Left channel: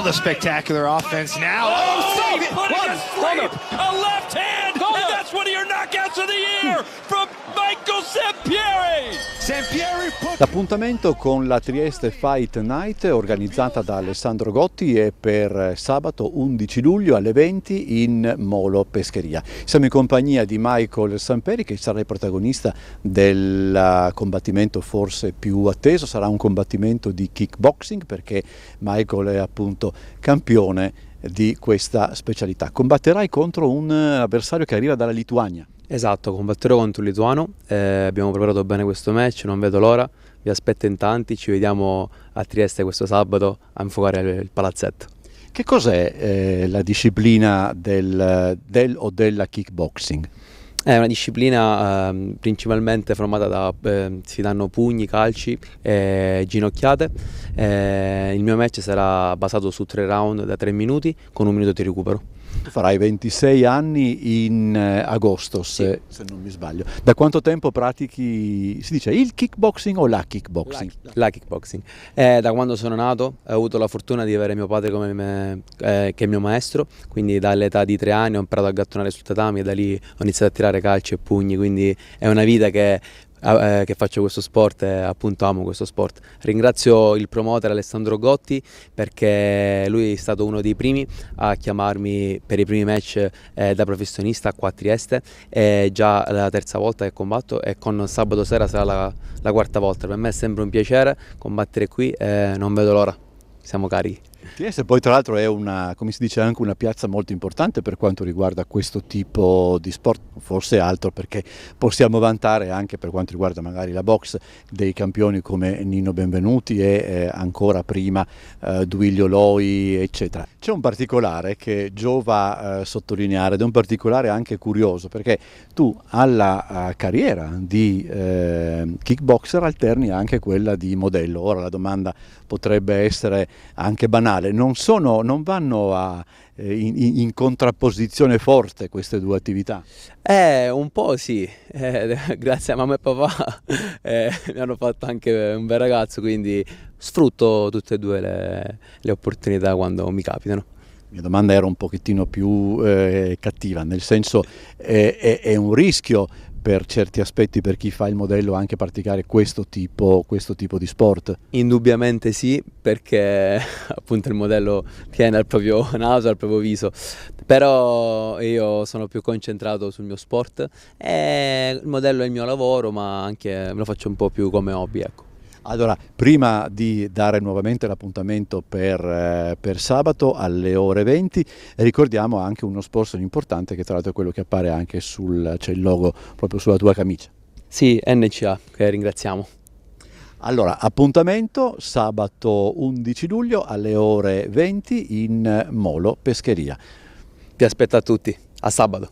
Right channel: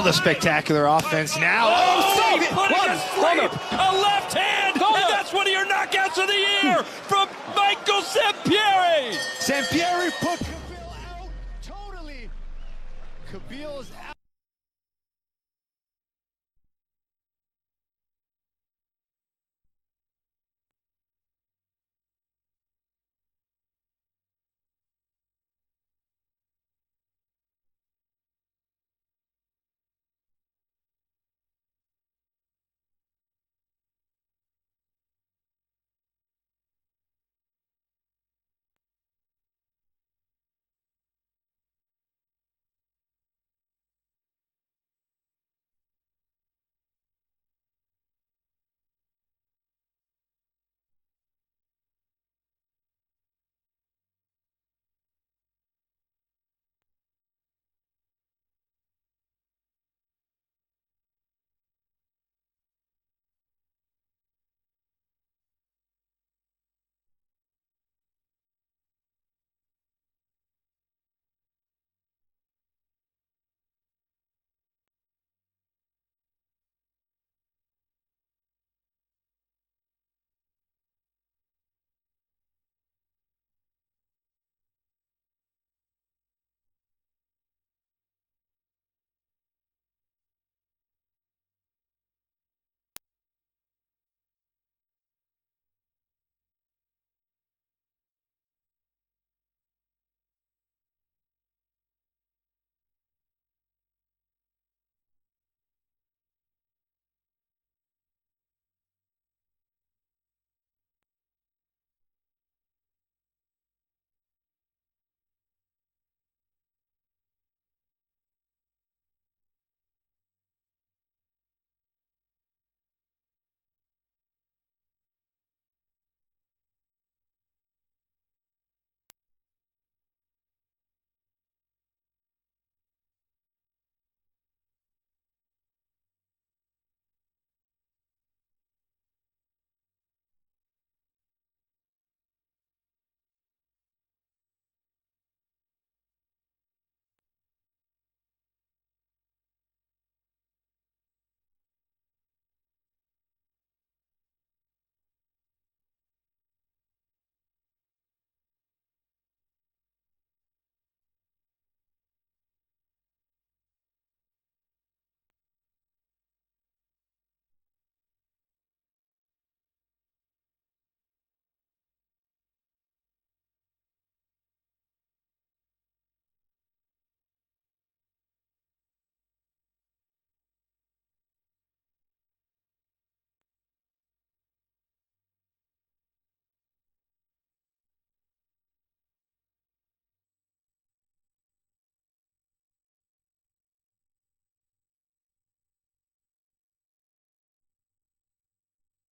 all the spectacular offense now. Oh, putting a sweep, a left hand, and that's one of your knockouts of the year from Michael Sampieri. L'appuntamento con la Trieste Fight Night organizzata da Alessandro Gotti è per sabato 11 luglio alle 20 in Molo Pescheria. Siamo in compagnia di Michael Sampieri, che sarà il protagonista del combattimento forse più atteso. Sarà un combattimento di kickboxing perché Michael è appunto campione di questa specialità. Combatterai contro un avversario che arriva dalla Lituania. Esatto, combatterò contro un lituano, abbiamo preparato bene questo match, non vedo l'ora, vi aspetto in tanti, ci vediamo a Trieste questo sabato a infuocare il palazzetto. Che cos'è la disciplina del o della kickboxing? È una disciplina principalmente formata da, si danno pugni, calci e ginocchiate. Il mio match sarà basato su 3 round da 3 minuti con 1 minuto di recupero. Tu farai 26 anni in agosto, se non mi sbaglio. Da quanto tempo pratichi, si dice, il kickboxing o la kickboxing? La kickboxing. Da quando sono nato ho avuto la fortuna di avere mio padre come che è mio maestro, quindi dall'età di 3 anni ho imparato a gattonare sul tatami e da lì ho iniziato a tirare calci e pugni, quindi è una vita che faccio questo sport e appunto amo questo sport. Ringrazio il promoter Alessandro Gotti perché lui è stato uno dei primi a chiamarmi per i primi match da professionista qua a Trieste, è già la 3ª volta che combatto e con sabato sera sarà la 4ª volta. Per me è sempre un piacere combattere qui e non vedo l'ora, siamo carichi. Trieste poi tra l'altro è una, come si dice, anche una piazza molto importante per quanto riguarda questo tipo di sport, forse altro perché possiamo vantare anche per quanto riguarda magari la box dei campioni come Nino Benvenuti e ancora prima Duilio Loi eccetera. C'è un particolare che giova sottolineare ed è un particolare anche curioso perché tu alla carriera di kickboxer alterni anche quella di modello. Ora la domanda potrebbe essere anche banale, non vanno in contrapposizione forte queste due attività? Un po' sì, grazie a mamma e papà mi hanno fatto anche un bel ragazzo, quindi sfrutto tutte e due le opportunità quando mi capitano. La mia domanda era un pochettino più cattiva, nel senso è un rischio per certi aspetti per chi fa il modello anche praticare questo tipo di sport? Indubbiamente sì, perché appunto il modello tiene al proprio naso, al proprio viso, però io sono più concentrato sul mio sport e il modello è il mio lavoro, ma anche me lo faccio un po' più come hobby, ecco. Allora, prima di dare nuovamente l'appuntamento per sabato alle ore 20, ricordiamo anche uno sponsor importante che tra l'altro è quello che appare anche c'è il logo proprio sulla tua camicia. Sì, NCA, che ringraziamo. Allora, appuntamento sabato 11 luglio alle ore 20 in Molo Pescheria. Ti aspetto a tutti, a sabato.